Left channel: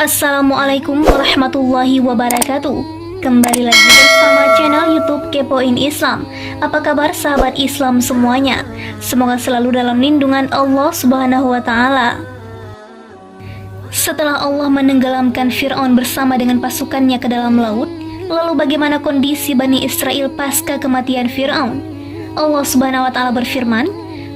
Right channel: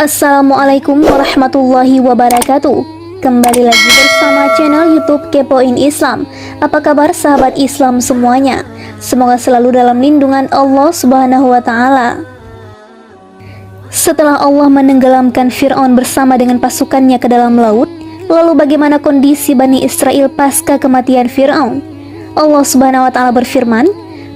Assalamualaikum warahmatullahi wabarakatuh. Kembali lagi bersama channel YouTube Kepoin Islam. Apa kabar sahabat Islam semuanya? Semoga selalu dalam lindungan Allah Subhanahu wa taala. Setelah Allah menenggelamkan Fir'aun bersama dengan pasukannya ke dalam laut, lalu bagaimana kondisi Bani Israel pasca kematian Fir'aun? Allah Subhanahu wa taala berfirman,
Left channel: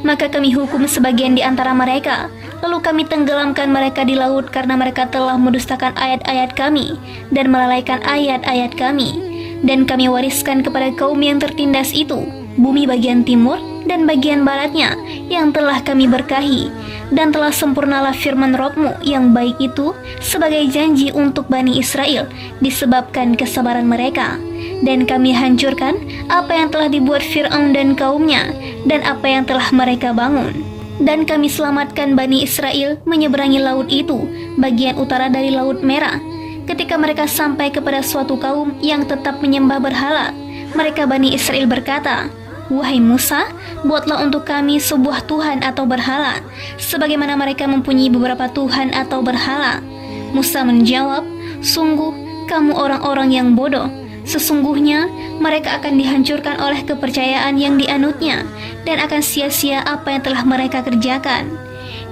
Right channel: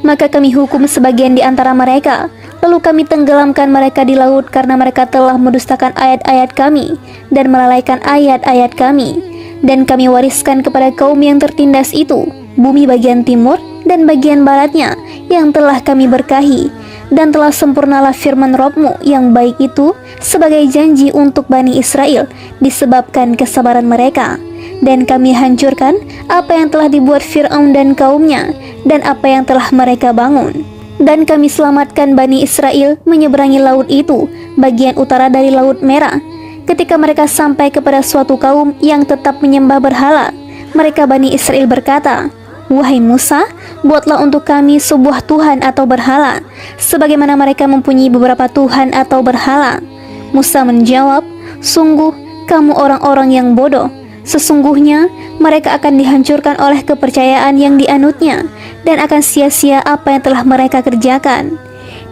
"Maka kami hukum sebagian di antara mereka, lalu kami tenggelamkan mereka di laut karena mereka telah mendustakan ayat-ayat kami dan melalaikan ayat-ayat kami. Dan kami wariskan kepada kaum yang tertindas itu bumi bagian timur dan bagian baratnya yang telah kami berkahi. Dan telah sempurnalah firman Rabb-Mu yang baik itu sebagai janji untuk Bani Israel disebabkan kesabaran mereka. Dan kami hancurkan apa yang telah dibuat Fir'aun dan kaumnya dan apa yang telah mereka bangun. Dan kami selamatkan Bani Israel menyeberangi laut itu, bagian utara dari Laut Merah. Ketika mereka sampai kepada suatu kaum yang tetap menyembah berhala, mereka Bani Israel berkata, 'Wahai Musa, buatlah untuk kami sebuah Tuhan atau berhala, sebagaimana mereka mempunyai beberapa Tuhan atau berhala.' Musa menjawab, 'Sungguh, kamu orang-orang yang bodoh. Sesungguhnya mereka akan dihancurkan oleh kepercayaan yang dianutnya, dan akan sia-sia apa yang telah mereka kerjakan.'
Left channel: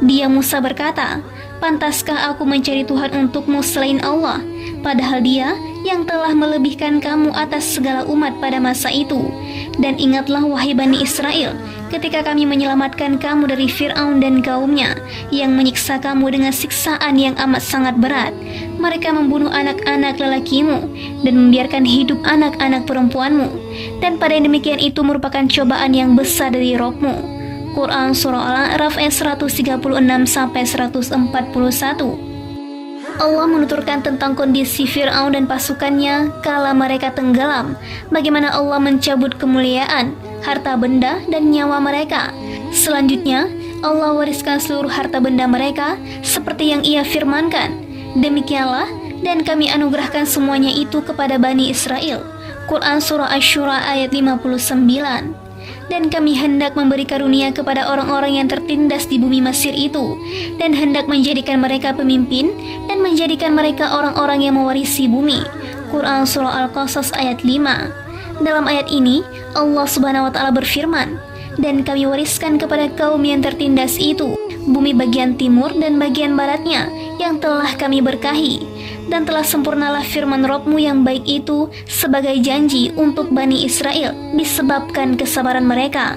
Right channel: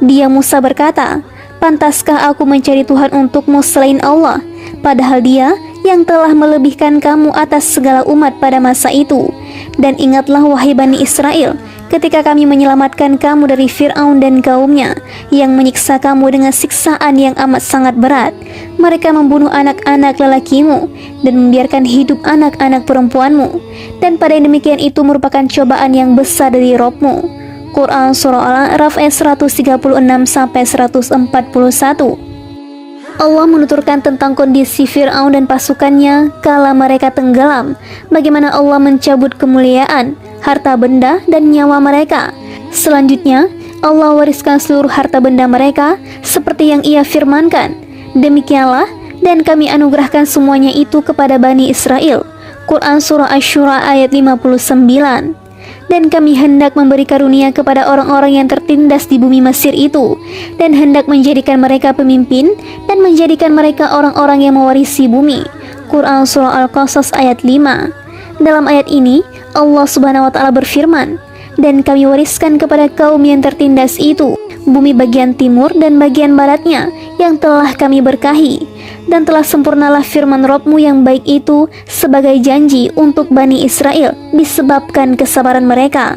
Dia Musa berkata, 'Pantaskah aku mencari Tuhan untukmu selain Allah, padahal Dia yang telah melebihkan kamu atas segala umat pada masa itu? Dan ingatlah wahai Bani Israel, ketika kami menyelamatkan kamu dari Fir'aun dan kaumnya yang menyiksa kamu dengan siksaan yang amat sangat berat. Mereka membunuh anak-anak lelakimu dan membiarkan hidup anak-anak perempuanmu, dan pada demikian itu merupakan cobaan yang besar dari Rabb-Mu.'" Quran Surah Al-A'raf ayat 136-141. Allah menuturkan tentang kondisi Fir'aun dan pasukannya kala mereka tenggelam, bagaimana Allah mencabut kemuliaan, harta benda, dan nyawa mereka. Selanjutnya, Allah wariskan seluruh harta benda mereka seperti yang Ia firmankan. Demikianlah, dan kami anugerahkan semuanya itu kepada Bani Israel. Quran Surah Asy-Syura ayat 59. Dan kami hendak memberi karunia kepada orang-orang yang tertindas di bumi Mesir itu, dan hendak menjadikan mereka pemimpin dan menjadikan mereka orang-orang yang mewarisi bumi. Quran Surah Al-Qasas ayat 5. Dalam ayat ini Allah Subhanahu wa taala berfirman, "Dan kami wariskan kepada kaum yang tertindas itu bumi bagian timur dan bagian baratnya yang telah kami berkahi. Dan telah sempurnalah firman Rabb-Mu yang baik itu sebagai janji untuk Bani Israel disebabkan kesabaran mereka.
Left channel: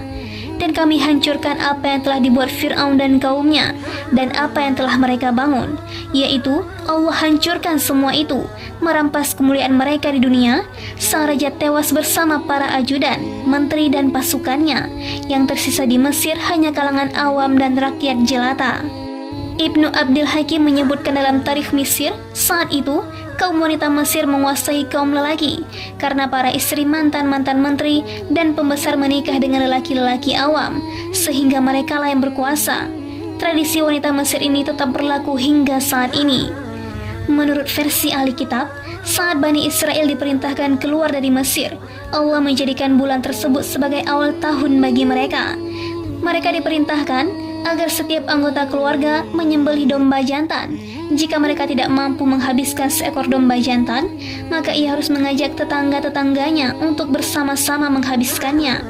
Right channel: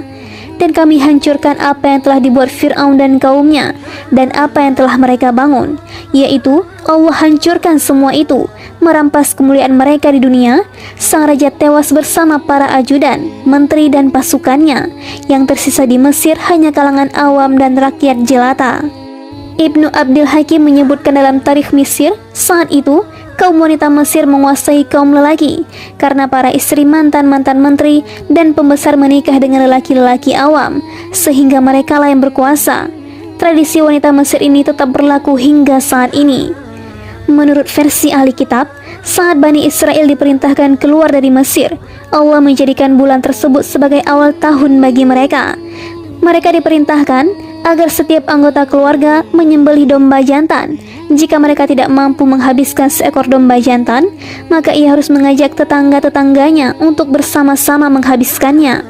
Dan kami hancurkan apa yang telah dibuat Fir'aun dan kaumnya dan apa yang telah mereka bangun, yaitu Allah hancurkan semua itu, merampas kemuliaan mereka di dunia. Sang raja tewas bersama para ajudan, menteri dan pasukannya. Yang tersisa di Mesir hanya kalangan awam dan rakyat jelata." Ibnu Abdul Hakim menyebutkan dalam tarikh Mesir, saat itu kaum wanita Mesir menguasai kaum lelaki karena para istri mantan-mantan menteri dan pembesar menikah dengan lelaki-lelaki awam, sehingga mereka lah yang berkuasa. Tradisi wanita Mesir ini tetap berlaku hingga saat ini. Menurut versi ahli kitab, saat Bani Israel diperintahkan keluar dari Mesir, Allah menjadikan bulan tersebut sebagai awal tahun bagi mereka. Mereka diperintahkan agar setiap anggota keluarga menyembelih domba jantan. Jika mereka tidak mampu menghabiskan seekor domba jantan, maka ia harus mengajak tetangga-tetangganya untuk bersama-sama menghabiskannya.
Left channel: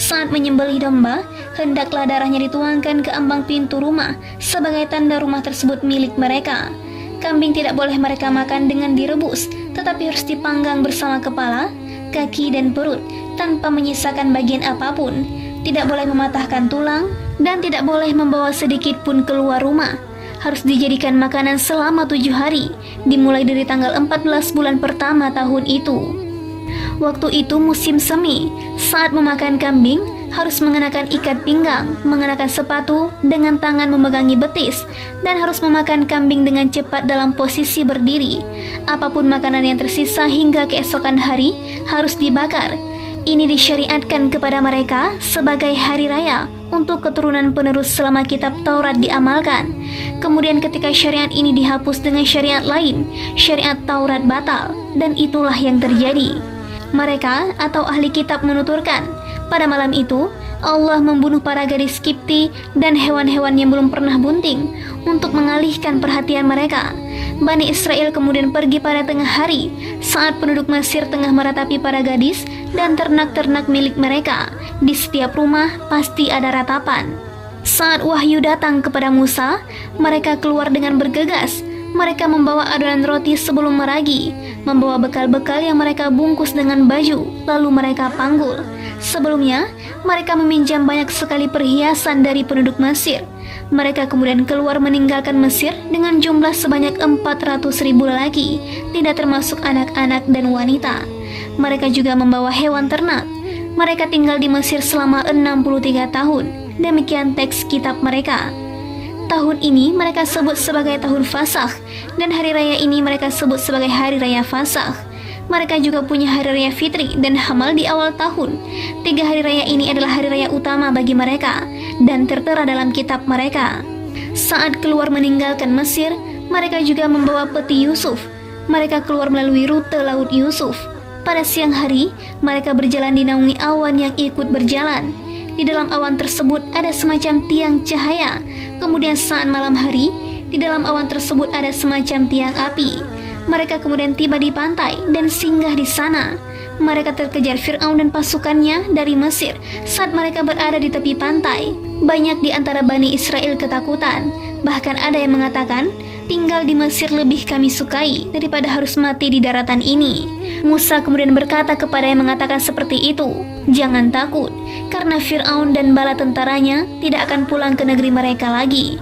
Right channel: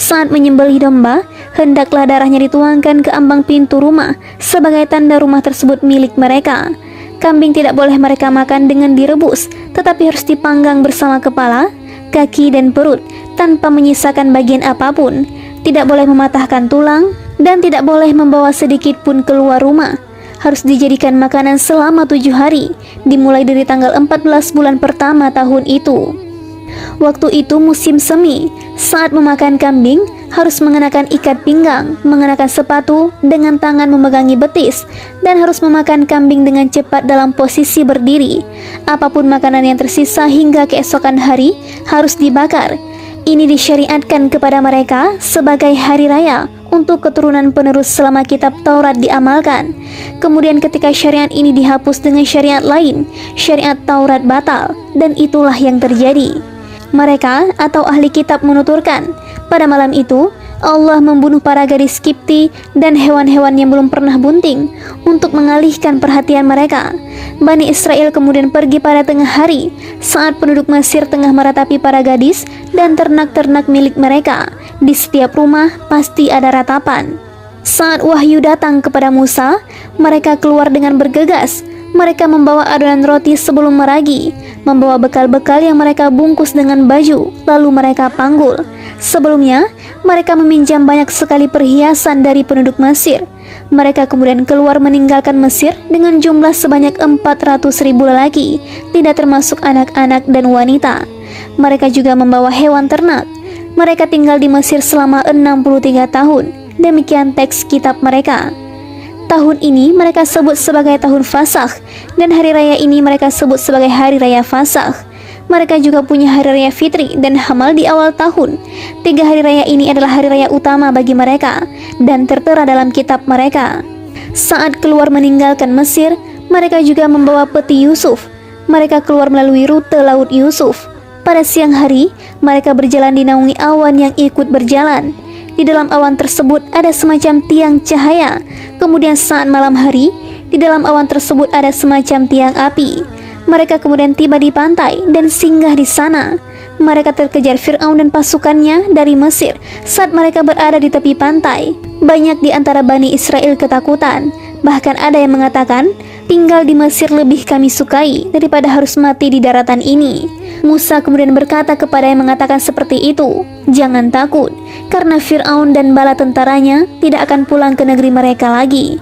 Saat menyembelih domba, hendaklah darahnya dituangkan ke ambang pintu rumah sebagai tanda rumah tersebut milik mereka. Kambing tidak boleh mereka makan dengan direbus, tetapi harus dipanggang bersama kepala, kaki, dan perut tanpa menyisakan bagian apapun. Tidak boleh mematahkan tulang, dan tidak boleh membawa sedikit pun keluar rumah. Harus dijadikan makanan selama 7 hari, dimulai dari tanggal 14 bulan pertama tahun itu. Waktu itu musim semi. Saat memakan kambing, harus mengenakan ikat pinggang, mengenakan sepatu, dengan tangan memegangi betis, dan harus memakan kambing dengan cepat dalam posisi berdiri. Apapun makanan yang tersisa hingga keesokan hari harus dibakar. Ini disyariatkan kepada mereka sebagai hari raya untuk keturunan penerus selama kitab Taurat diamalkan. Kemudian ketika syariat ini dihapus dengan syariat lain, syariat Taurat batal, dan itulah yang terjadi. Mereka atau ahli kitab menuturkan, pada malam itu Allah membunuh para gadis Kipti dan hewan-hewan yang belum pernah bunting untuk mengalihkan perhatian mereka. Bani Israel kemudian pergi pada tengah hari, saat penduduk Mesir tengah meratapi para gadis dan ternak-ternak milik mereka. Di setiap rumah pasti ada ratapan. Saat wahyu datang kepada Musa, mereka keluar dengan bergegas. Mereka membawa adonan roti sebelum meragi, membawa bekal-bekal yang mereka bungkus dengan baju, lalu mereka panggul. Sebelumnya, mereka meminjam banyak sekali perhiasan dari penduduk Mesir. Mereka kemudian keluar meninggalkan Mesir dengan jumlah sebanyak 400.000 lelaki, tidak termasuk anak-anak dan wanita. Mereka juga membawa hewan ternak. Mereka tinggal di Mesir selama 63 tahun. Demikian teks kitab mereka. Tahun ini mereka sebut sebagai tahun Fasakh, dan hari raya ini mereka sebut sebagai hari raya Fasakh. Mereka juga punya hari raya Fitri dan Hamal di awal tahun. 3 hari raya ini adalah hari raya utama bagi mereka dan tertera dalam kitab mereka. Saat keluar meninggalkan Mesir, mereka juga membawa peti Yusuf. Mereka keluar melalui rute Laut Yusuf. Pada siang hari, mereka berjalan dinaungi awan yang ikut berjalan. Di dalam awan tersebut ada semacam tiang cahaya. Kemudian saat malam hari, di dalam awan tersebut ada semacam tiang api. Mereka kemudian tiba di pantai dan singgah di sana. Mereka terkejar Fir'aun dan pasukannya dari Mesir saat mereka berada di tepi pantai. Banyak di antara Bani Israel ketakutan. Bahkan ada yang mengatakan, tinggal di Mesir lebih kami sukai daripada harus mati di daratan ini. Musa kemudian berkata kepada yang mengatakan seperti itu, jangan takut, karena Fir'aun dan bala tentaranya tidak akan pulang ke negeri mereka lagi.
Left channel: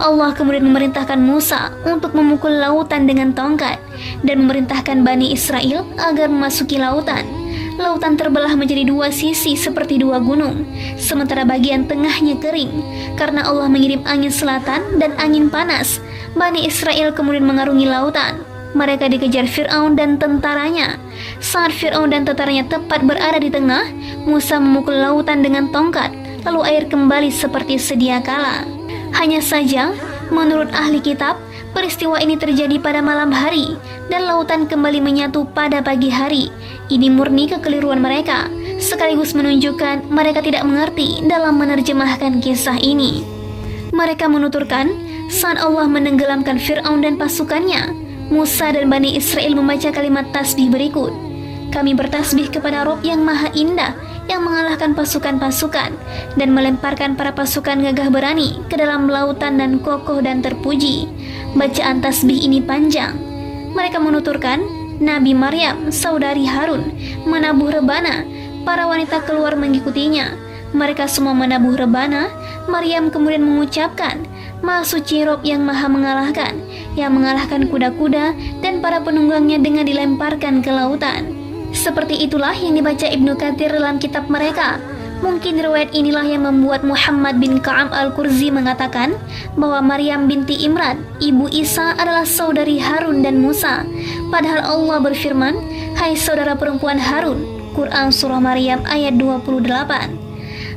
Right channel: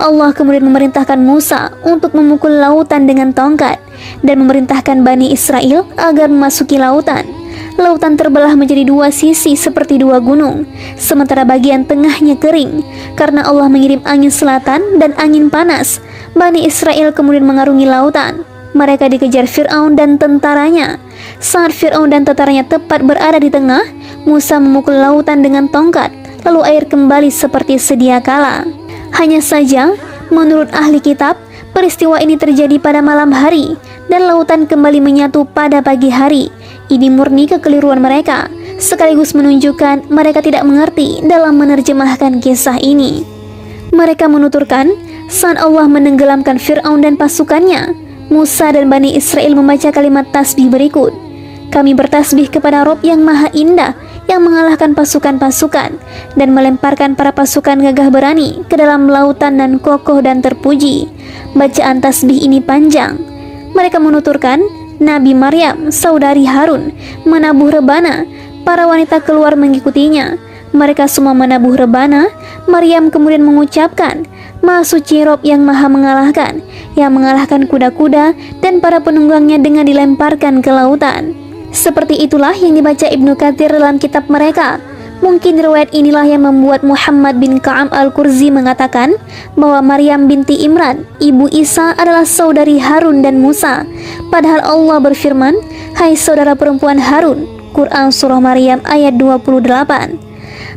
Allah kemudian memerintahkan Musa untuk memukul lautan dengan tongkat dan memerintahkan Bani Israel agar memasuki lautan. Lautan terbelah menjadi 2 sisi seperti 2 gunung, sementara bagian tengahnya kering karena Allah mengirim angin selatan dan angin panas. Bani Israel kemudian mengarungi lautan. Mereka dikejar Fir'aun dan tentaranya. Saat Fir'aun dan tentaranya tepat berada di tengah, Musa memukul lautan dengan tongkat, lalu air kembali seperti sedia kala. Hanya saja, menurut ahli kitab, peristiwa ini terjadi pada malam hari dan lautan kembali menyatu pada pagi hari. Ini murni kekeliruan mereka, sekaligus menunjukkan mereka tidak mengerti dalam menerjemahkan kisah ini. Mereka menuturkan, saat Allah menenggelamkan Fir'aun dan pasukannya, Musa dan Bani Israel membaca kalimat tasbih berikut. Kami bertasbih kepada Rob yang maha indah, yang mengalahkan pasukan-pasukan dan melemparkan para pasukan gagah berani ke dalam lautan dan kokoh dan terpuji. Bacaan tasbih ini panjang. Mereka menuturkan, Nabi Maryam, saudari Harun, menabuh rebana. Para wanita keluar mengikutinya. Mereka semua menabuh rebana. Maryam kemudian mengucapkan, Maha suci Rob yang maha mengalahkan, yang mengalahkan kuda-kuda dan para penunggangnya dengan dilemparkan ke lautan. Seperti itulah yang dibaca Ibnu Katsir dalam kitab mereka. Mungkin riwayat inilah yang membuat Muhammad bin Ka'ab al-Qurzi mengatakan bahwa Maryam binti Imran, ibu Isa, adalah saudari Harun dan Musa. Padahal Allah berfirman, hai saudara perempuan Harun. Quran Surah Maryam ayat 28.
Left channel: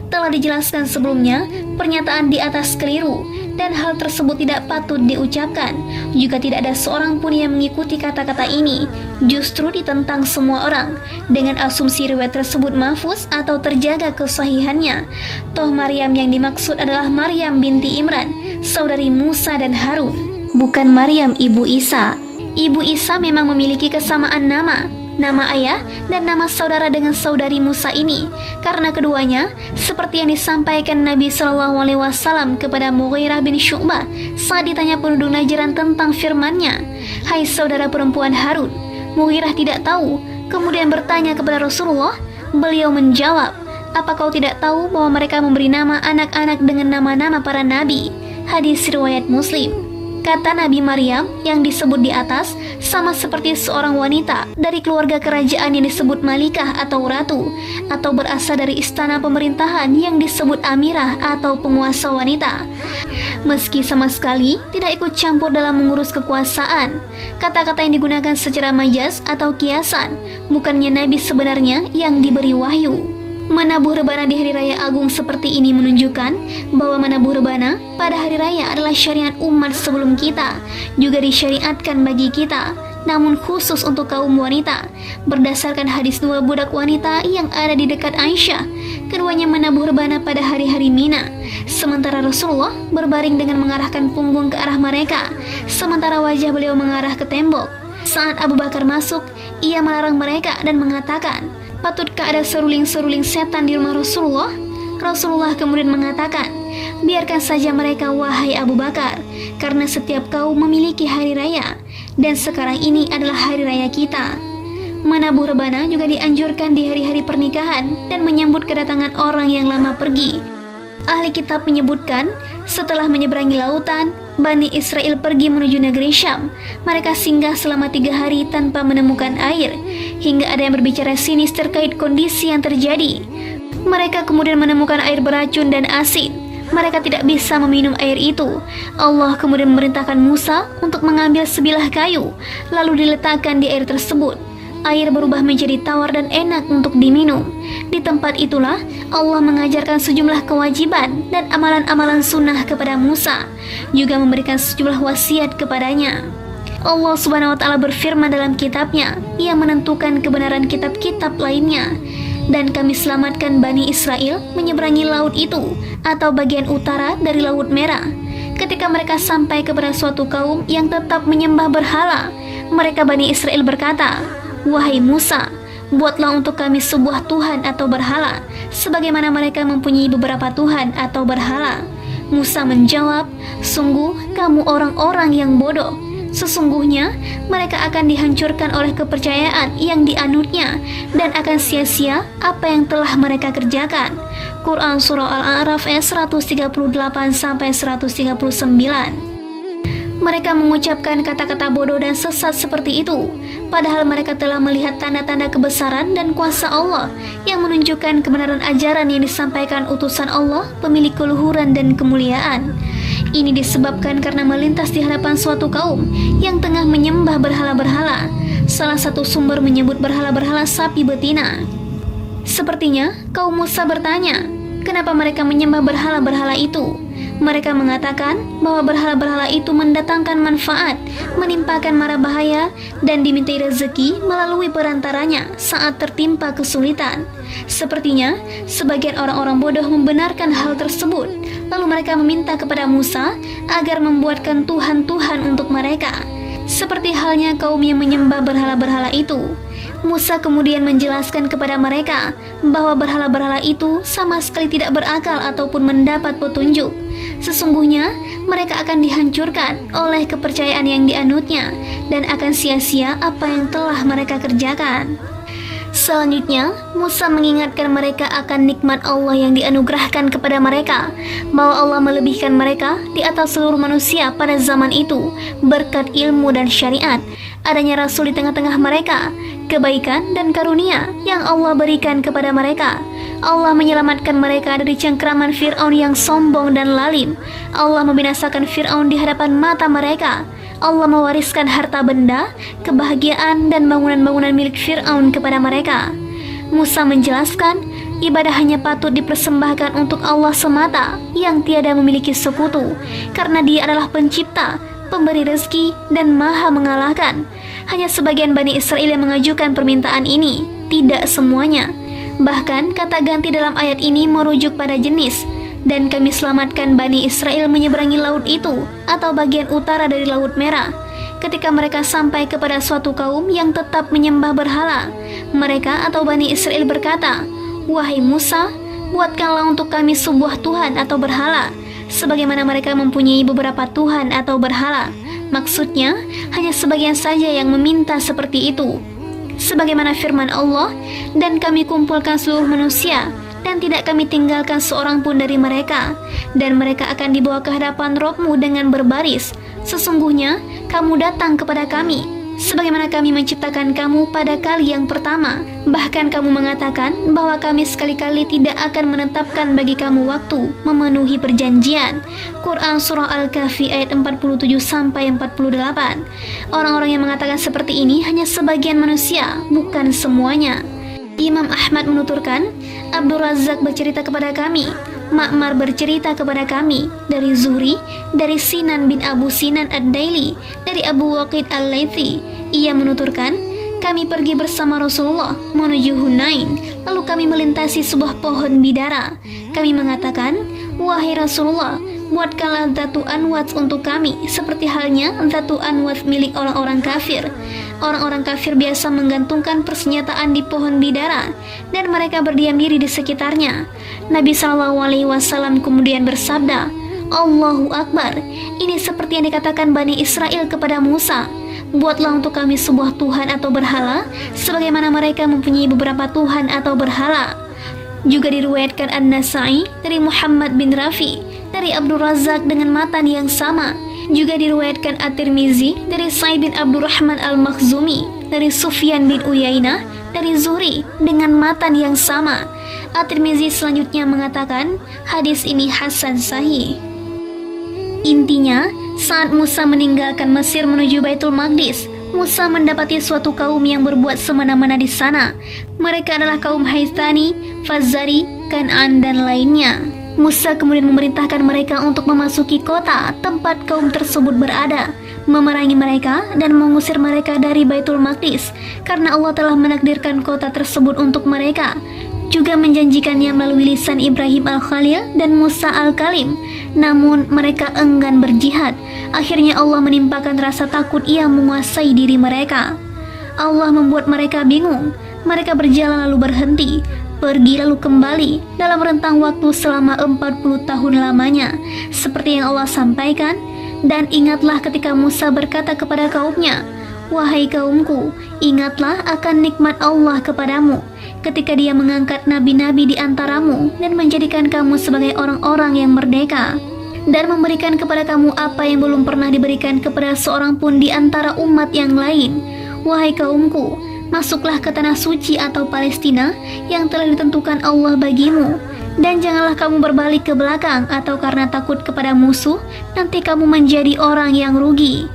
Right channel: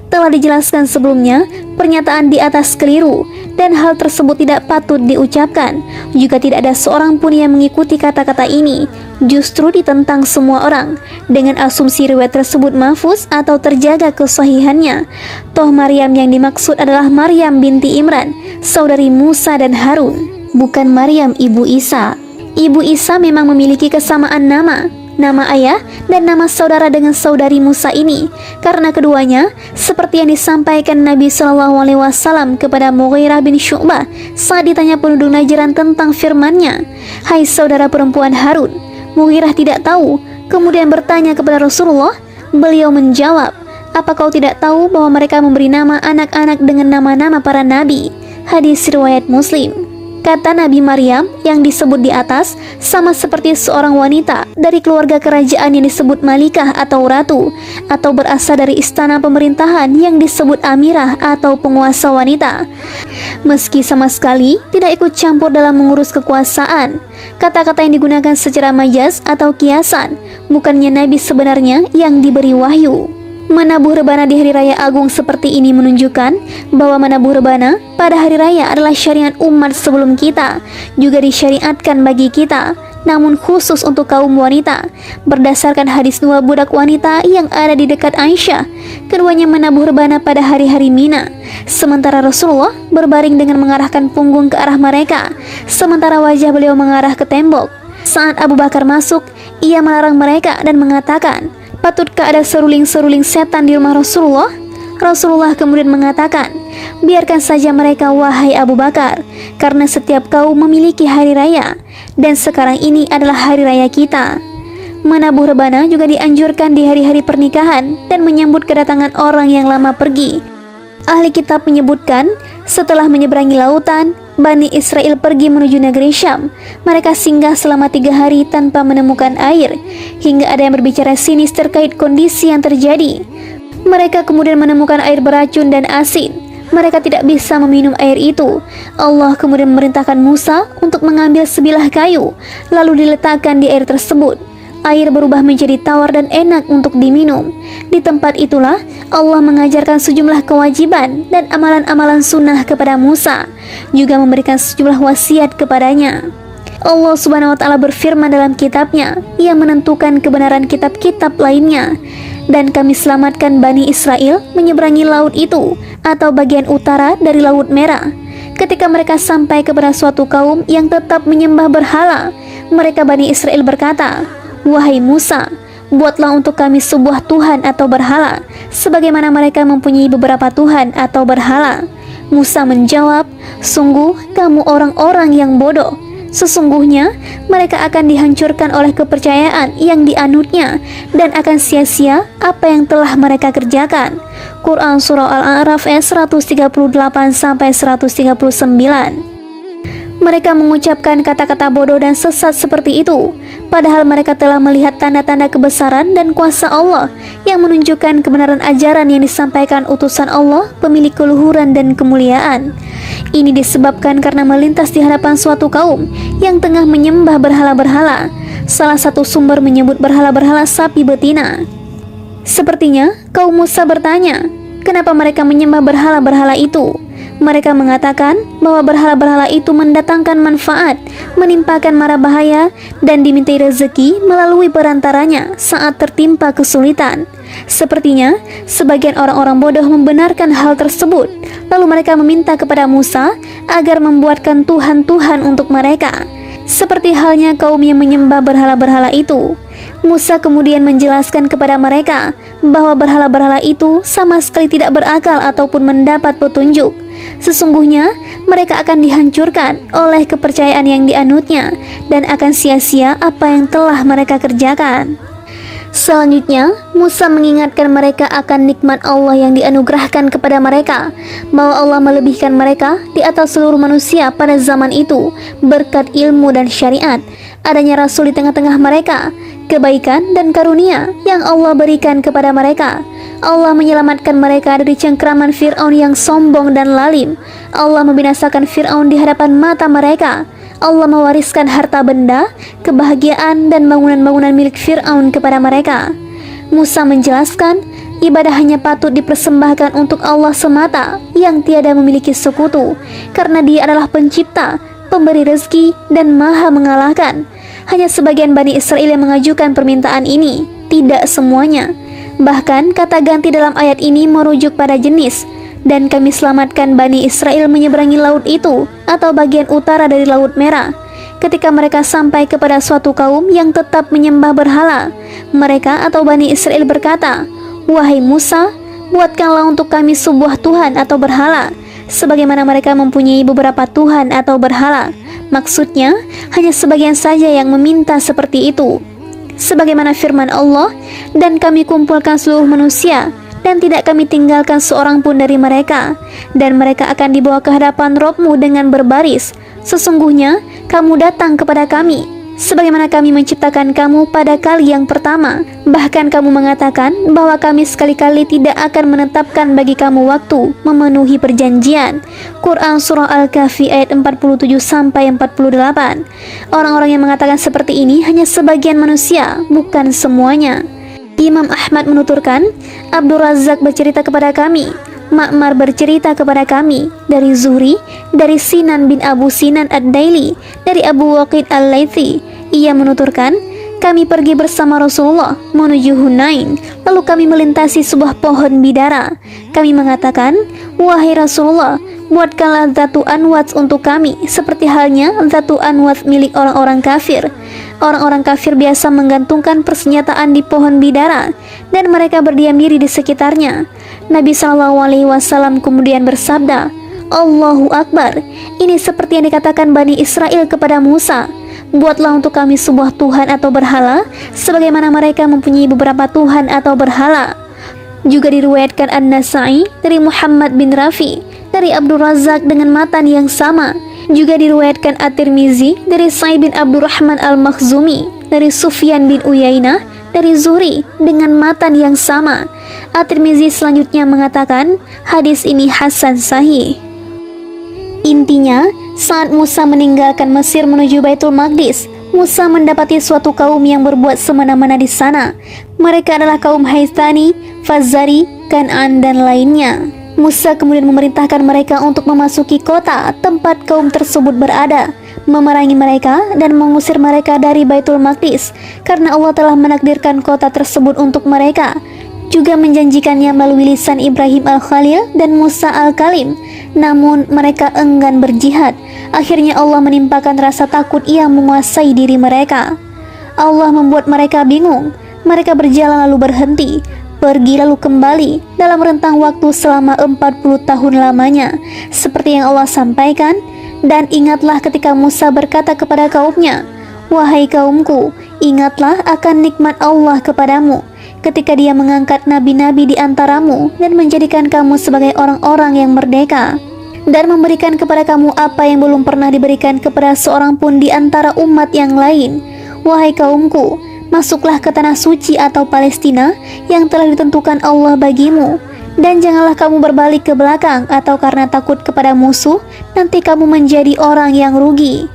Telah dijelaskan sebelumnya, pernyataan di atas keliru dan hal tersebut tidak patut diucapkan. Juga tidak ada seorang pun yang mengikuti kata-kata ini. Justru ditentang semua orang dengan asumsi riwayat tersebut mahfuz atau terjaga kesahihannya. Toh Maryam yang dimaksud adalah Maryam binti Imran, saudari Musa dan Harun, bukan Maryam ibu Isa. Ibu Isa memang memiliki kesamaan nama ayah dan nama saudara dengan saudari Musa ini, karena keduanya seperti yang disampaikan Nabi SAW kepada Mughirah bin Syu'bah saat ditanya penduduk Najran tentang firman-Nya, hai saudara perempuan Harun. Mughirah tidak tahu, kemudian bertanya kepada Rasulullah. Beliau menjawab, apa kau tidak tahu bahwa mereka memberi nama anak-anak dengan nama-nama para nabi? Hadis riwayat Muslim. Kata Nabi Maryam yang disebut di atas sama seperti seorang wanita dari keluarga kerajaan yang disebut Malikah atau Ratu, atau berasal dari istana pemerintahan yang disebut Amirah atau penguasa wanita. Meski sama sekali tidak ikut campur dalam mengurus kekuasaan, kata-kata yang digunakan secara majas atau kiasan, bukannya Nabi sebenarnya yang diberi wahyu. Menabuh rebana di hari raya agung seperti ini menunjukkan bahwa menabuh rebana pada hari raya adalah syariat umat sebelum kita, juga disyariatkan bagi kita. namun khusus untuk kaum wanita. Berdasarkan hadis dua budak wanita yang ada di dekat Aisyah, keduanya menabuh rebana pada hari-hari Mina, sementara Rasulullah berbaring dengan mengarahkan punggung ke arah mereka, sementara wajah beliau mengarah ke tembok. Saat Abu Bakar masuk, ia melarang mereka dan mengatakan, "Patutkah ada seruling-seruling setan di rumah Rasulullah?" Rasulullah kemudian mengatakan, "Biarkan saja mereka wahai Abu Bakar, karena setiap kaum memiliki hari raya, dan sekarang ini adalah hari raya kita." Menabuh rebana juga dianjurkan di hari-hari pernikahan dan menyambut kedatangan orang yang lama pergi. Ahli kitab menyebutkan, setelah menyeberangi lautan, Bani Israel pergi menuju negeri Syam. Mereka singgah selama 3 hari tanpa menemukan air, hingga ada yang berbicara sinis terkait kondisi yang terjadi. Mereka kemudian menemukan air beracun dan asin. Mereka tidak bisa meminum air itu. Allah kemudian memerintahkan Musa untuk mengambil sebilah kayu, lalu diletakkan di air tersebut. Air berubah menjadi tawar dan enak untuk diminum. Di tempat itulah Allah mengajarkan sejumlah kewajiban dan amalan-amalan sunnah kepada Musa, juga memberikan sejumlah wasiat kepadanya. Allah Subhanahu wa Ta'ala berfirman dalam kitabnya yang menentukan kebenaran kitab-kitab lainnya, "Dan kami selamatkan Bani Israel menyeberangi laut itu, atau bagian utara dari Laut Merah. Ketika mereka sampai kepada suatu kaum yang tetap menyembah berhala, mereka Bani Israel berkata, 'Wahai Musa, buatlah untuk kami sebuah Tuhan atau berhala, sebagaimana mereka mempunyai beberapa Tuhan atau berhala.' Musa menjawab, 'Sungguh kamu orang-orang yang bodoh. Sesungguhnya mereka akan dihancurkan oleh kepercayaan yang dianutnya, dan akan sia-sia apa yang telah mereka kerjakan." Quran Surah Al-A'raf ayat 138-139. Mereka mengucapkan kata-kata bodoh dan sesat seperti itu, padahal mereka telah melihat tanda-tanda kebesaran dan kuasa Allah yang menunjukkan kebenaran ajaran yang disampaikan utusan Allah, pemilik keluhuran dan kemuliaan. Ini disebabkan karena melintas di hadapan suatu kaum yang tengah menyembah berhala-berhala. Salah satu sumber menyebut berhala-berhala sapi betina. Sepertinya kaum Musa bertanya, kenapa mereka menyembah berhala-berhala itu? Mereka mengatakan bahwa berhala-berhala itu mendatangkan manfaat, menimpakan mara bahaya, dan dimintai rezeki melalui perantaranya saat tertimpa kesulitan. Sepertinya sebagian orang-orang bodoh membenarkan hal tersebut, lalu mereka meminta kepada Musa agar membuatkan Tuhan-Tuhan untuk mereka, seperti halnya kaum yang menyembah berhala-berhala itu. Musa kemudian menjelaskan kepada mereka bahwa berhala-berhala itu sama sekali tidak berakal ataupun mendapat petunjuk. Sesungguhnya mereka akan dihancurkan oleh kepercayaan yang dianutnya, dan akan sia-sia apa yang telah mereka kerjakan. Selanjutnya, Musa mengingatkan mereka akan nikmat Allah yang dianugerahkan kepada mereka, bahwa Allah melebihkan mereka di atas seluruh manusia pada zaman itu berkat ilmu dan syariat, adanya Rasul di tengah-tengah mereka, kebaikan dan karunia yang Allah berikan kepada mereka. Allah menyelamatkan mereka dari cengkraman Fir'aun yang sombong dan lalim. Allah membinasakan Fir'aun di hadapan mata mereka. Allah mewariskan harta benda, kebahagiaan dan bangunan-bangunan milik Fir'aun kepada mereka. Musa menjelaskan, ibadah hanya patut dipersembahkan untuk Allah semata yang tiada memiliki sekutu, karena Dia adalah pencipta, pemberi rezeki, dan maha mengalahkan. Hanya sebagian Bani Israel yang mengajukan permintaan ini, tidak semuanya. Bahkan kata ganti dalam ayat ini merujuk pada jenis, dan kami selamatkan Bani Israel menyeberangi laut itu, atau bagian utara dari Laut Merah. Ketika mereka sampai kepada suatu kaum yang tetap menyembah berhala, mereka atau Bani Israel berkata, "Wahai Musa, buatkanlah untuk kami sebuah Tuhan atau berhala, sebagaimana mereka mempunyai beberapa Tuhan atau berhala." Maksudnya, hanya sebagian saja yang meminta seperti itu. Sebagaimana firman Allah, "Dan kami kumpulkan seluruh manusia, dan tidak kami tinggalkan seorang pun dari mereka, dan mereka akan dibawa ke hadapan Rabb-Mu dengan berbaris. Sesungguhnya kamu datang kepada kami, sebagaimana kami menciptakan kamu pada kali yang pertama. Bahkan kamu mengatakan bahwa kami sekali-kali tidak akan menetapkan bagi kamu waktu memenuhi perjanjian." Quran Surah Al-Kahfi ayat 47-48. Orang-orang yang mengatakan seperti ini hanya sebagian manusia, bukan semuanya. Imam Ahmad menuturkan, Abdul Razak bercerita kepada kami, Ma'mar bercerita kepada kami, dari Zuhri, dari Sinan bin Abu Sinan Ad-Daili, dari Abu Waqid Al-Laythi, Ia menuturkan, kami pergi bersama Rasulullah menuju Hunain, lalu kami melintasi sebuah pohon bidara. Kami mengatakan, wahai Rasulullah, buatkanlah Zatu Anwat untuk kami, seperti halnya Zatu Anwat milik orang-orang kafir. Orang-orang kafir biasa menggantungkan persenjataan di pohon bidara, dan mereka berdiam diri di sekitarnya. Nabi SAW kemudian bersabda, Allahu Akbar, ini seperti yang dikatakan Bani Israel kepada Musa, buatlah untuk kami sebuah Tuhan atau berhala, sebagaimana mereka mempunyai beberapa Tuhan atau berhala. Juga diriwayatkan An-Nasa'i dari Muhammad bin Rafi, dari Abdul Razak dengan matan yang sama. Juga diriwayatkan At-Tirmizi dari Sa'id bin Abdurrahman Al-Makhzumi, dari Sufyan bin Uyainah, dari Zuhri dengan matan yang sama. At-Tirmizi selanjutnya mengatakan, hadis ini hasan sahih. Intinya, saat Musa meninggalkan Mesir menuju Baitul Maqdis, Musa mendapati suatu kaum yang berbuat semena-mena di sana. Mereka adalah kaum Haithani, Fazari, Kan'an, dan lainnya. Musa kemudian memerintahkan mereka untuk memasuki kota tempat kaum tersebut berada, memerangi mereka dan mengusir mereka dari Baitul Maqdis, karena Allah telah menakdirkan kota tersebut untuk mereka. Juga menjanjikannya melalui lisan Ibrahim Al-Khalil dan Musa Al-Kalim. Namun mereka enggan berjihad. Akhirnya Allah menimpakan rasa takut yang menguasai diri mereka. Allah membuat mereka bingung. Mereka berjalan lalu berhenti, pergi lalu kembali dalam rentang waktu selama 40 tahun lamanya, seperti yang Allah sampaikan. Dan ingatlah ketika Musa berkata kepada kaumnya, wahai kaumku, ingatlah akan nikmat Allah kepadamu ketika Dia mengangkat nabi-nabi di antaramu dan menjadikan kamu sebagai orang-orang yang merdeka, dan memberikan kepada kamu apa yang belum pernah diberikan kepada seorang pun di antara umat yang lain. Wahai kaumku, masuklah ke tanah suci atau Palestina yang telah ditentukan Allah bagimu, dan janganlah kamu berbalik ke belakang atau karena takut kepada musuh, nanti kamu menjadi orang yang rugi.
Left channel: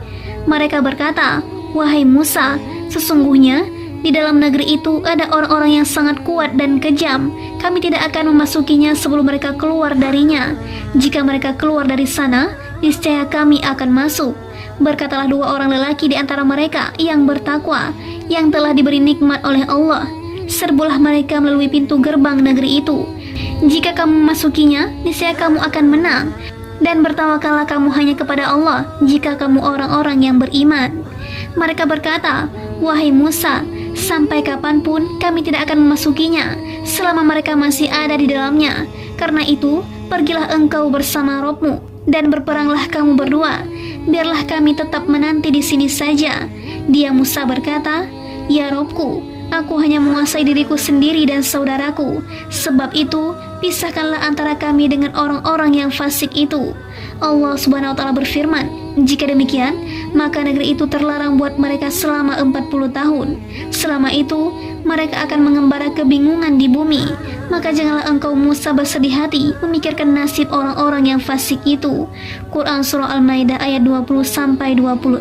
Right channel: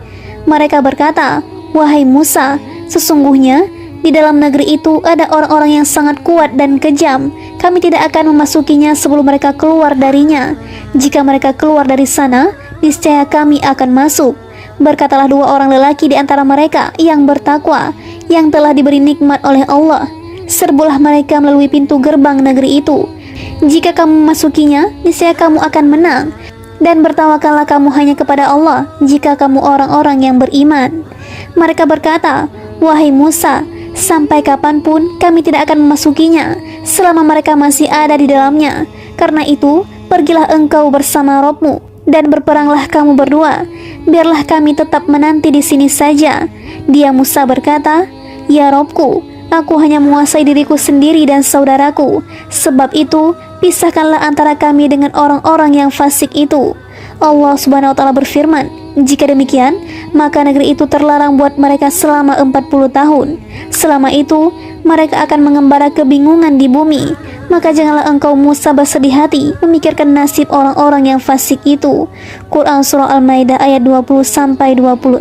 Mereka berkata, wahai Musa, sesungguhnya di dalam negeri itu ada orang-orang yang sangat kuat dan kejam. Kami tidak akan memasukinya sebelum mereka keluar darinya. Jika mereka keluar dari sana, niscaya kami akan masuk. Berkatalah dua orang lelaki di antara mereka yang bertakwa, yang telah diberi nikmat oleh Allah. Serbulah mereka melalui pintu gerbang negeri itu. Jika kamu memasukinya, niscaya kamu akan menang. Dan bertawakallah kamu hanya kepada Allah jika kamu orang-orang yang beriman. Mereka berkata, wahai Musa, sampai kapanpun kami tidak akan memasukinya selama mereka masih ada di dalamnya. Karena itu, pergilah engkau bersama Rabbmu dan berperanglah kamu berdua. Biarlah kami tetap menanti di sini saja. Dia Musa berkata, ya Rabbku, aku hanya menguasai diriku sendiri dan saudaraku. Sebab itu, pisahkanlah antara kami dengan orang-orang yang fasik itu. Allah Subhanahu wa Ta'ala berfirman, jika demikian, maka negeri itu terlarang buat mereka selama 40 tahun. Selama itu, mereka akan mengembara kebingungan di bumi. Maka janganlah engkau Musa bersedih hati memikirkan nasib orang-orang yang fasik itu. Quran Surah Al-Maidah ayat 20-26.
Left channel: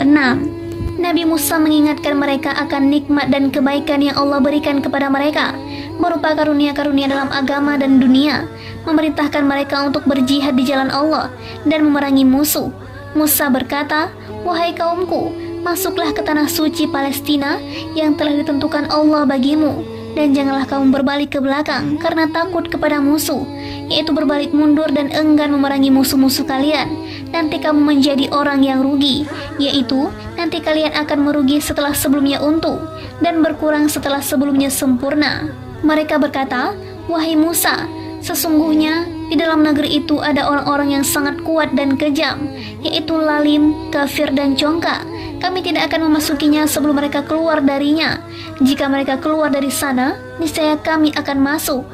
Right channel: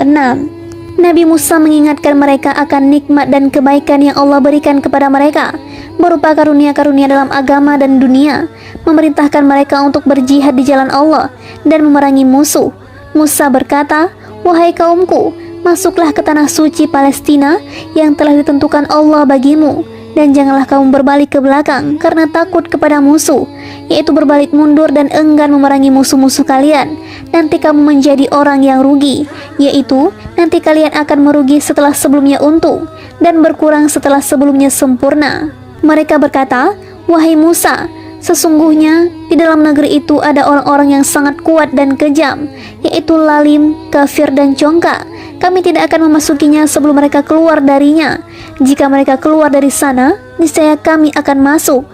Nabi Musa mengingatkan mereka akan nikmat dan kebaikan yang Allah berikan kepada mereka, berupa karunia-karunia dalam agama dan dunia, memerintahkan mereka untuk berjihad di jalan Allah dan memerangi musuh. Musa berkata, wahai kaumku, masuklah ke tanah suci Palestina yang telah ditentukan Allah bagimu, dan janganlah kamu berbalik ke belakang karena takut kepada musuh, yaitu berbalik mundur dan enggan memerangi musuh-musuh kalian. Nanti kamu menjadi orang yang rugi, yaitu nanti kalian akan merugi setelah sebelumnya untung dan berkurang setelah sebelumnya sempurna. Mereka berkata, wahai Musa, sesungguhnya di dalam negeri itu ada orang-orang yang sangat kuat dan kejam, yaitu lalim, kafir, dan congkak. Kami tidak akan memasukinya sebelum mereka keluar darinya. Jika mereka keluar dari sana, niscaya kami akan masuk.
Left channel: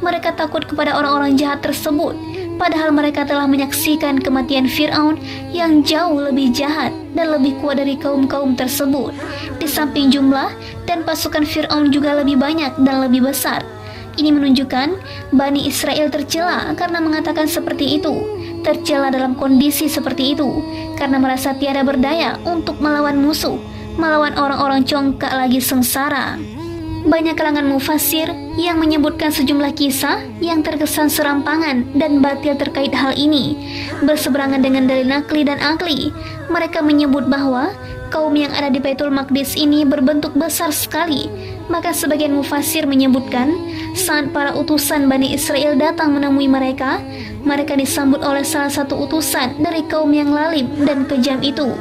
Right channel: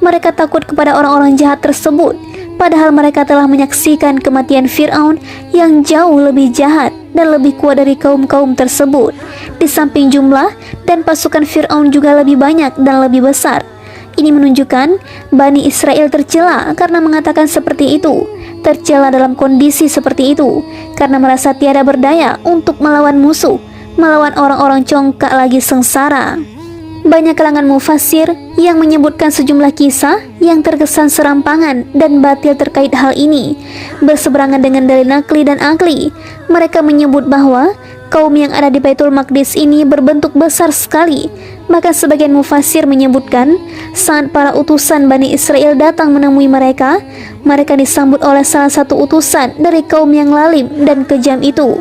Mereka takut kepada orang-orang jahat tersebut, padahal mereka telah menyaksikan kematian Fir'aun yang jauh lebih jahat dan lebih kuat dari kaum-kaum tersebut. Di samping jumlah dan pasukan Fir'aun juga lebih banyak dan lebih besar. Ini menunjukkan Bani Israel tercela karena mengatakan seperti itu. Tercela dalam kondisi seperti itu karena merasa tiada berdaya untuk melawan musuh, melawan orang-orang congkak lagi sengsara. Banyak kalangan mufassir yang menyebutkan sejumlah kisah yang terkesan serampangan dan batil terkait hal ini, berseberangan dengan dalil nakli dan akli. Mereka menyebut bahwa kaum yang ada di Baitul Maqdis ini berbentuk besar sekali. Maka sebagian mufassir menyebutkan, saat para utusan Bani Israel datang menemui mereka, mereka disambut oleh salah satu utusan dari kaum yang lalim dan kejam itu.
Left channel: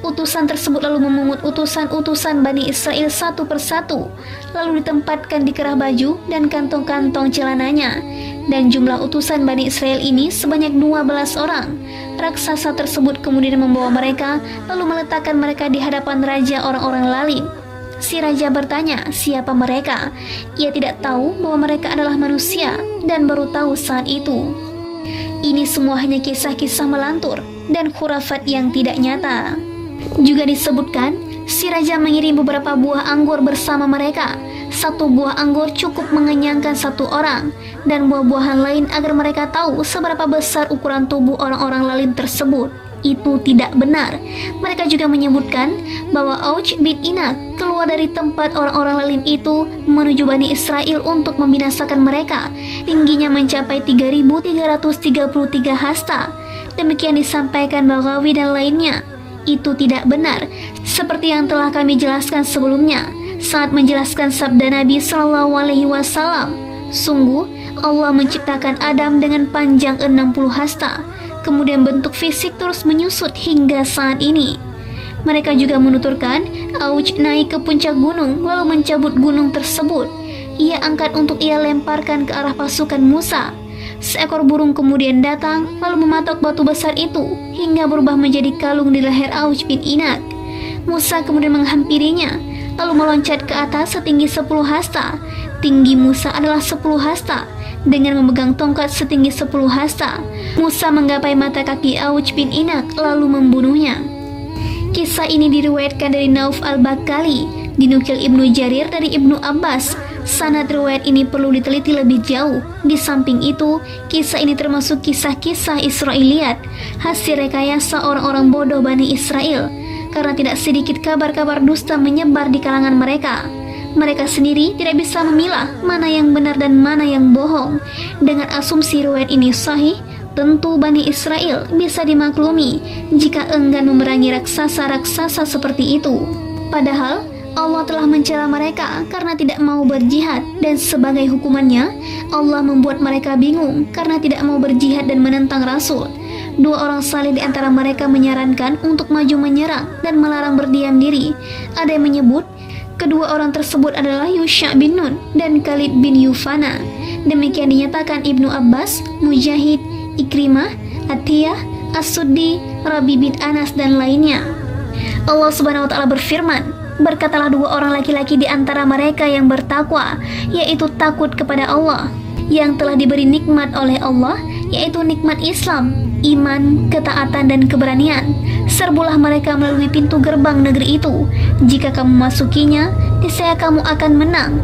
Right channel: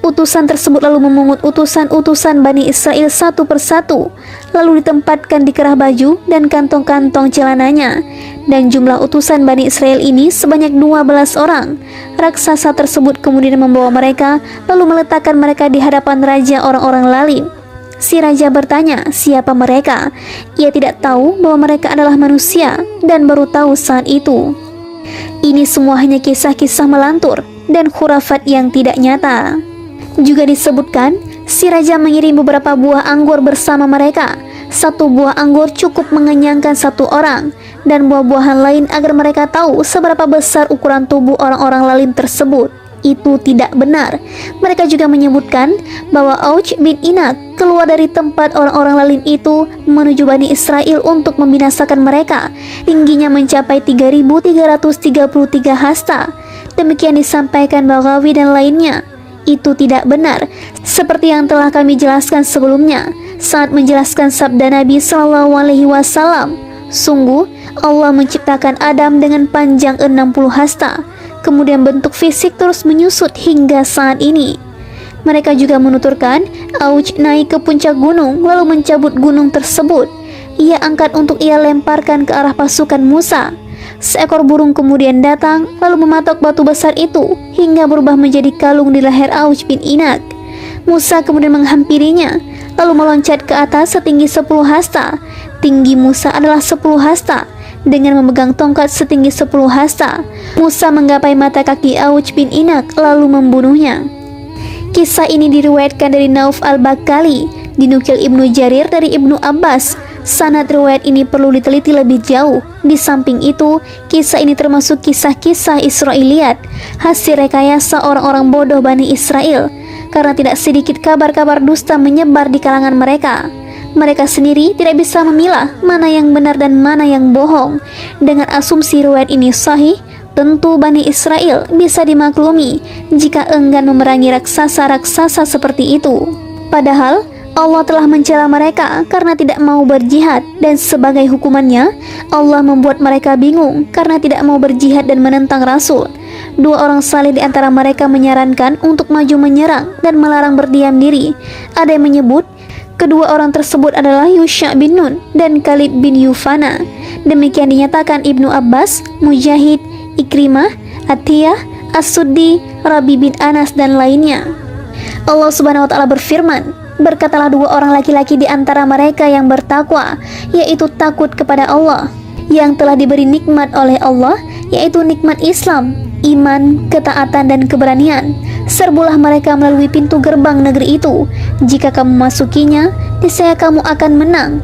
Utusan tersebut lalu memungut utusan-utusan Bani Israel satu persatu, lalu ditempatkan di kerah baju dan kantong-kantong celananya. Dan jumlah utusan Bani Israel ini sebanyak 12 orang. Raksasa tersebut kemudian membawa mereka, lalu meletakkan mereka di hadapan raja orang-orang lalim. Si raja bertanya, siapa mereka? Ia tidak tahu bahwa mereka adalah manusia, dan baru tahu saat itu. Ini semua hanya kisah-kisah melantur dan khurafat yang tidak nyata. Juga disebutkan, si raja mengirim beberapa buah anggur bersama mereka. Satu buah anggur cukup mengenyangkan satu orang, dan buah-buahan lain agar mereka tahu seberapa besar ukuran tubuh orang-orang lalim tersebut. Itu tidak benar. Mereka juga menyebutkan bahwa Auj bin Inat keluar dari tempat orang-orang lalim itu menuju Bani Israel untuk membinasakan mereka. Tingginya mencapai 3.333 hasta. Demikian disampaikan Baghawi dan lainnya. Itu tidak benar, seperti yang telah kami jelaskan sebelumnya saat menjelaskan sabda Nabi SAW. Sungguh Allah menciptakan Adam dengan panjang 60 hasta. Kemudian bentuk fisik terus menyusut hingga saat ini. Mereka juga menuturkan, Auj naik ke puncak gunung lalu mencabut gunung tersebut. Ia angkat untuk ia lemparkan ke arah pasukan Musa. Seekor burung kemudian datang lalu mematok batu besar itu hingga berubah menjadi kalung di leher Auj bin Inat. Musa kemudian menghampirinya lalu meloncat ke atas setinggi 10 hasta. Tinggi Musa adalah 10 hasta. Dengan memegang tongkat setinggi 10 hasta, Musa menggapai mata kaki Auj bin Inat lalu membunuhnya. Kisah ini diriwayatkan dari Nauf al-Bakali, dinukil Ibnu Jarir dari Ibnu Abbas. Sanad riwayat ini perlu diteliti lebih jauh. Di samping itu, kisah ini termasuk kisah-kisah Israiliyat, hasil rekayasa orang-orang bodoh Bani Israel, karena tidak sedikit kabar-kabar dusta menyebar di kalangan mereka. Mereka sendiri tidak bisa memilah mana yang benar dan mana yang bohong. Dengan asumsi riwayat ini sahih, tentu Bani Israel bisa dimaklumi jika enggan memerangi raksasa-raksasa seperti itu. Padahal Allah telah mencela mereka karena tidak mau berjihad, dan sebagai hukumannya Allah membuat mereka bingung karena tidak mau berjihad dan menentang Rasul. Dua orang saleh di antara mereka menyarankan untuk maju menyerang dan melarang berdiam diri. Ada yang menyebut kedua orang tersebut adalah Yusha bin Nun dan Khalid bin Yufana. Demikian dinyatakan Ibnu Abbas, Mujahid, Ikrimah, Atiyah, As-Suddi, Rabi bin Anas dan lainnya. Allah Subhanahu wa taala berfirman, berkatalah dua orang laki-laki di antara mereka yang bertakwa, yaitu takut kepada Allah, yang telah diberi nikmat oleh Allah, yaitu nikmat Islam, iman, ketaatan dan keberanian. Serbulah mereka melalui pintu gerbang negeri itu. Jika kamu masukinya, niscaya kamu akan menang.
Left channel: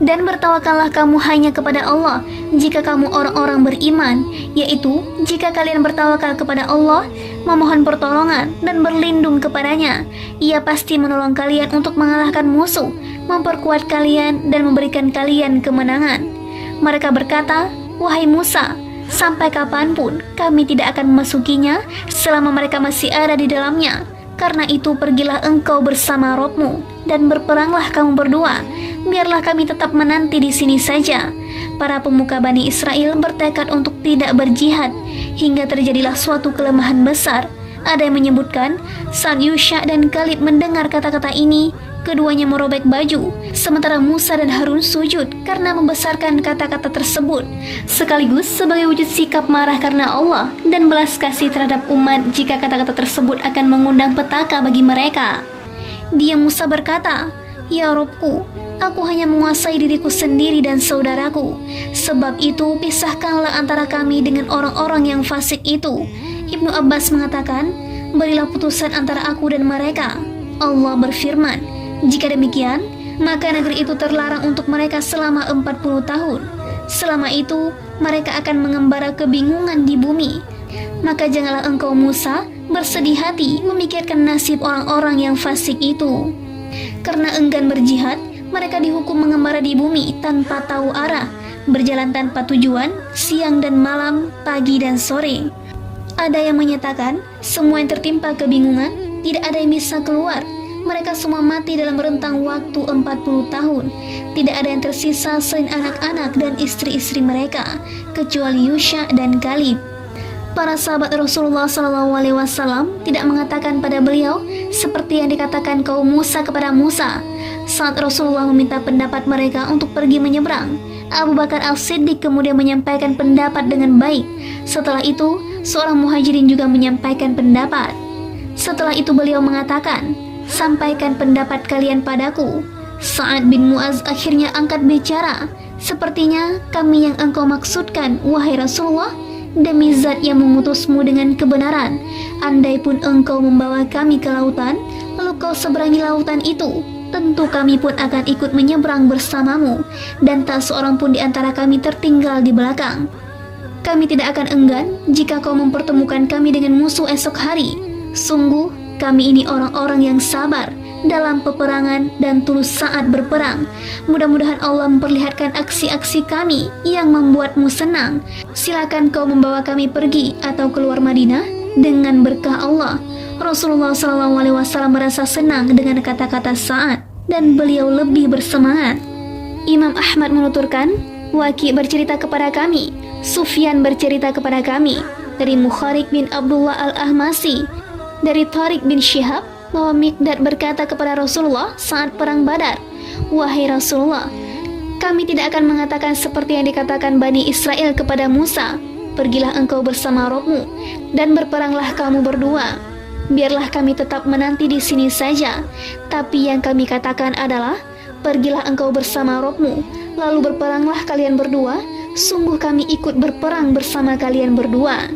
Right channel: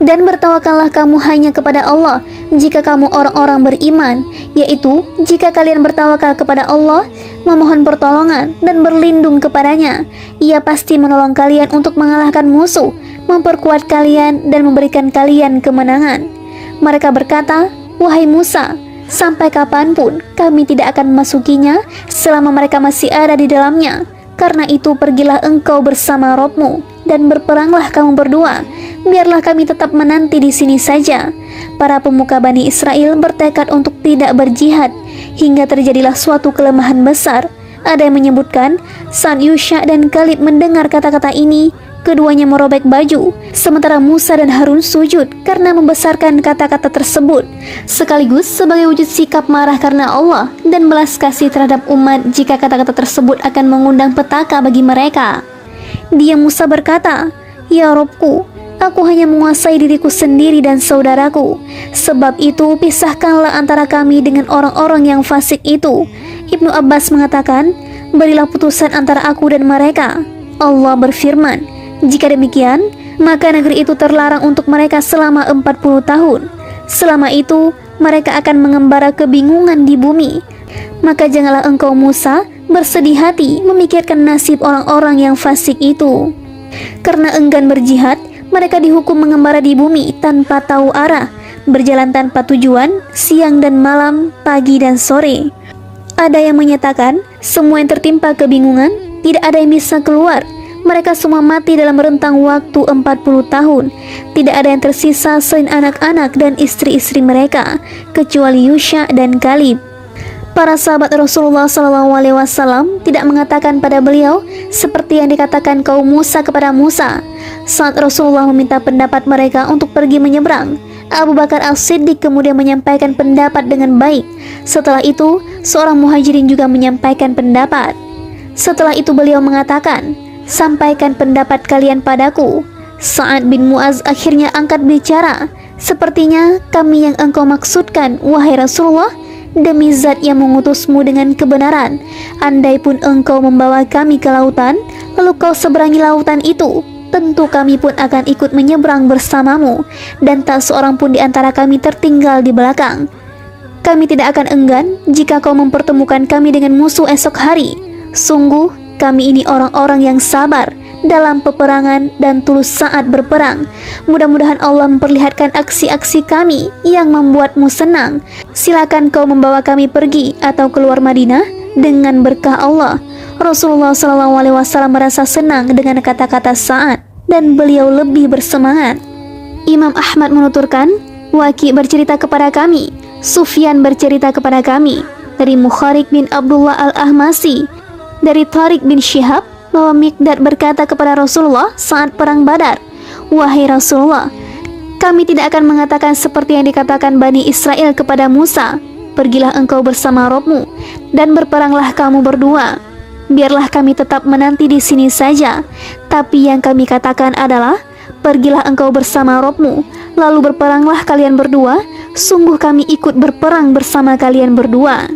Dan bertawakallah kamu hanya kepada Allah jika kamu orang-orang beriman, yaitu jika kalian bertawakal kepada Allah, memohon pertolongan dan berlindung kepadanya, Ia pasti menolong kalian untuk mengalahkan musuh, memperkuat kalian dan memberikan kalian kemenangan. Mereka berkata, wahai Musa, sampai kapanpun kami tidak akan memasukinya selama mereka masih ada di dalamnya. Karena itu pergilah engkau bersama Rabbmu dan berperanglah kamu berdua. Biarlah kami tetap menanti di sini saja. Para pemuka Bani Israel bertekad untuk tidak berjihad hingga terjadilah suatu kelemahan besar. Ada yang menyebutkan saat Yusha dan Khalid mendengar kata-kata ini, keduanya merobek baju, sementara Musa dan Harun sujud karena membesarkan kata-kata tersebut, sekaligus sebagai wujud sikap marah karena Allah dan belas kasih terhadap umat jika kata-kata tersebut akan mengundang petaka bagi mereka. Dia Musa berkata, ya Robku, aku hanya menguasai diriku sendiri dan saudaraku. Sebab itu pisahkanlah antara kami dengan orang-orang yang fasik itu. Ibnu Abbas mengatakan, berilah putusan antara aku dan mereka. Allah berfirman, jika demikian, maka negeri itu terlarang untuk mereka selama 40 tahun. Selama itu, mereka akan mengembara kebingungan di bumi. Maka janganlah engkau Musa bersedih hati memikirkan nasib orang-orang yang fasik itu. Karena enggan berjihad, mereka dihukum mengembara di bumi tanpa tahu arah, berjalan tanpa tujuan, siang dan malam, pagi dan sore. Ada yang menyatakan semua yang tertimpa kebingungan tidak ada yang bisa keluar. Mereka semua mati dalam rentang waktu 40 tahun. Tidak ada yang tersisa selain anak-anak dan istri-istri mereka, kecuali Yusha dan Kalib. Para sahabat Rasulullah SAW tidak mengatakan pada beliau seperti yang dikatakan kaum Musa kepada Musa. Saat Rasulullah meminta pendapat mereka untuk pergi menyeberang, Abu Bakar As-Siddiq kemudian menyampaikan pendapat dengan baik. Setelah itu, seorang muhajirin juga menyampaikan pendapat. Setelah itu beliau mengatakan, "Sampaikan pendapat kalian padaku." Sa'ad bin Mu'az akhirnya angkat bicara, "Sepertinya kami yang engkau maksudkan, wahai Rasulullah. Demi zat yang mengutusmu dengan kebenaran, andai pun engkau membawa kami ke lautan, lalu kau seberangi lautan itu, tentu kami pun akan ikut menyeberang bersamamu, dan tak seorang pun di antara kami tertinggal di belakang. Kami tidak akan enggan jika kau mempertemukan kami dengan musuh esok hari. Sungguh kami ini orang-orang yang sabar dalam peperangan dan tulus saat berperang. Mudah-mudahan Allah memperlihatkan aksi-aksi kami yang membuatmu senang. Silakan kau membawa kami pergi atau keluar Madinah dengan berkah Allah." Rasulullah SAW merasa senang dengan kata-kata Sa'ad dan beliau lebih bersemangat. Imam Ahmad menuturkan, "Waki bercerita kepada kami, Sufyan bercerita kepada kami dari Mukharik bin Abdullah al-Ahmasi, dari Tariq bin Syihab, bahwa Mikdad berkata kepada Rasulullah saat perang Badar, 'Wahai Rasulullah, kami tidak akan mengatakan seperti yang dikatakan Bani Israel kepada Musa, pergilah engkau bersama Rabbmu dan berperanglah kamu berdua. Biarlah kami tetap menanti di sini saja. Tapi yang kami katakan adalah, pergilah engkau bersama Rabbmu, lalu berperanglah kalian berdua. Sungguh kami ikut berperang bersama kalian berdua."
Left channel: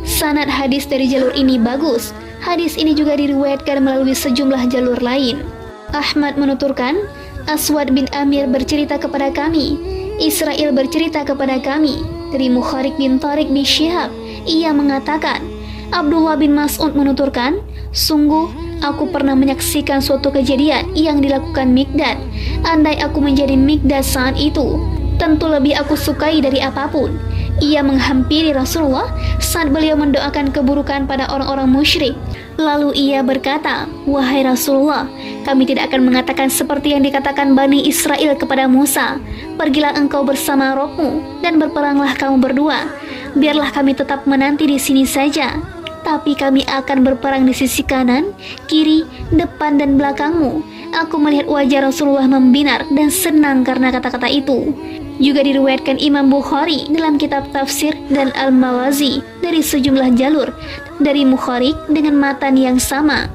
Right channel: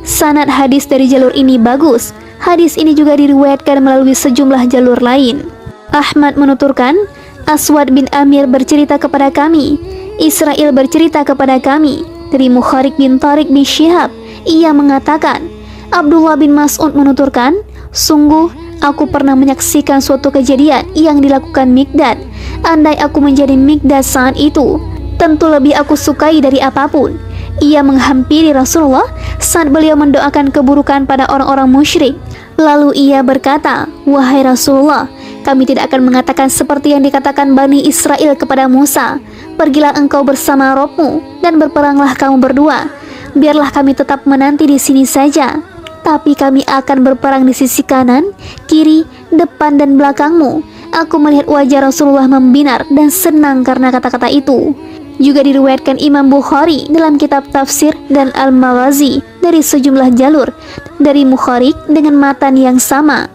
Sanad hadis dari jalur ini bagus. Hadis ini juga diriwayatkan melalui sejumlah jalur lain. Ahmad menuturkan, Aswad bin Amir bercerita kepada kami, Israel bercerita kepada kami dari Mukharik bin Tariq bin Syihab. Ia mengatakan, Abdullah bin Mas'ud menuturkan, "Sungguh aku pernah menyaksikan suatu kejadian yang dilakukan Mikdad. Andai aku menjadi Mikdad saat itu, tentu lebih aku sukai dari apapun." Ia menghampiri Rasulullah saat beliau mendoakan keburukan pada orang-orang musyrik. Lalu ia berkata, "Wahai Rasulullah, kami tidak akan mengatakan seperti yang dikatakan Bani Israel kepada Musa, pergilah engkau bersama Rabbmu dan berperanglah kamu berdua. Biarlah kami tetap menanti di sini saja. Tapi kami akan berperang di sisi kanan, kiri, depan dan belakangmu." Aku melihat wajah Rasulullah membinar dan senang karena kata-kata itu. Juga diriwayatkan Imam Bukhari dalam kitab Tafsir dan Al-Mawazi dari sejumlah jalur dari Mukharik dengan matan yang sama.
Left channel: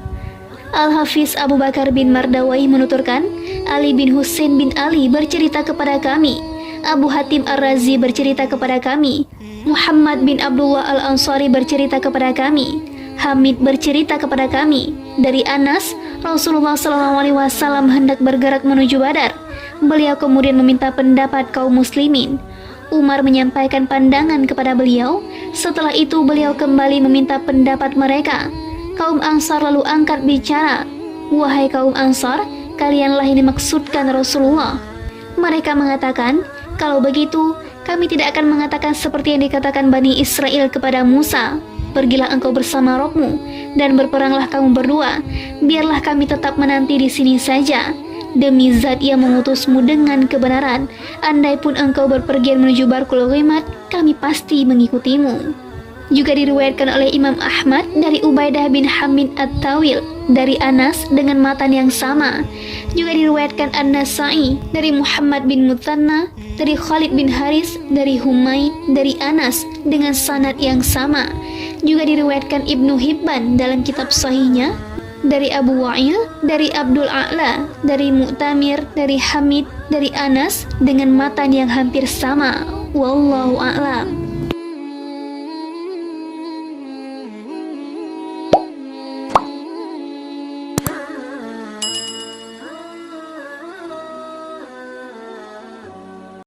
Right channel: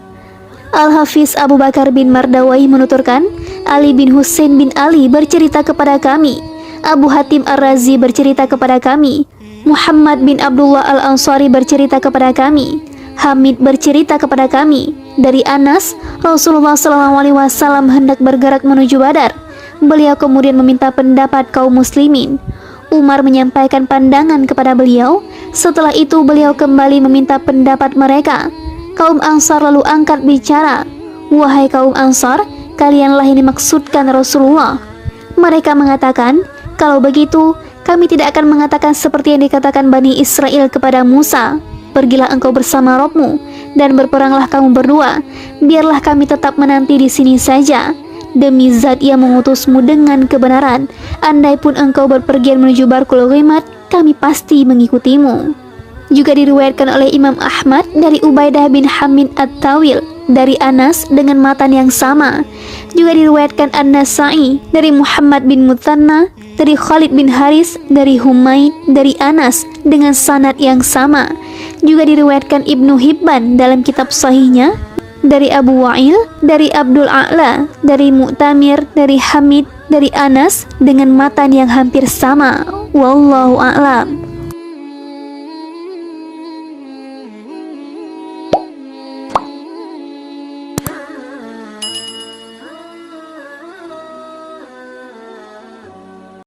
Al-Hafiz Abu Bakar bin Mardawai menuturkan, Ali bin Husain bin Ali bercerita kepada kami, Abu Hatim Ar-Razi bercerita kepada kami, Muhammad bin Abdullah Al-Ansari bercerita kepada kami, Hamid bercerita kepada kami dari Anas, Rasulullah SAW hendak bergerak menuju Badar. Beliau kemudian meminta pendapat kaum muslimin. Umar menyampaikan pandangan kepada beliau. Setelah itu beliau kembali meminta pendapat mereka. Kaum Ansar lalu angkat bicara, "Wahai kaum Ansar, kalianlah yang dimaksudkan Rasulullah." Mereka mengatakan, "Kalau begitu, kami tidak akan mengatakan seperti yang dikatakan Bani Israel kepada Musa, pergilah engkau bersama Rabbmu dan berperanglah kamu berdua. Biarlah kami tetap menanti di sini saja. Demi zat yang mengutusmu dengan kebenaran, andai pun engkau berpergian menuju Barkul Ghimat, kami pasti mengikutimu." Juga diriwayatkan oleh Imam Ahmad dari Ubaidah bin Hamid At-Tawil dari Anas dengan matan yang sama. Juga diriwayatkan An-Nasa'i dari Muhammad bin Muthanna dari Khalid bin Haris dari Humaid dari Anas dengan sanad yang sama. Juga diriwayatkan Ibnu Hibban dalam kitab sahihnya dari Abu Wa'il, dari Abdul A'la, dari Mu'tamir, dari Hamid, dari Anas dengan matan yang hampir sama. Wallahu a'lam.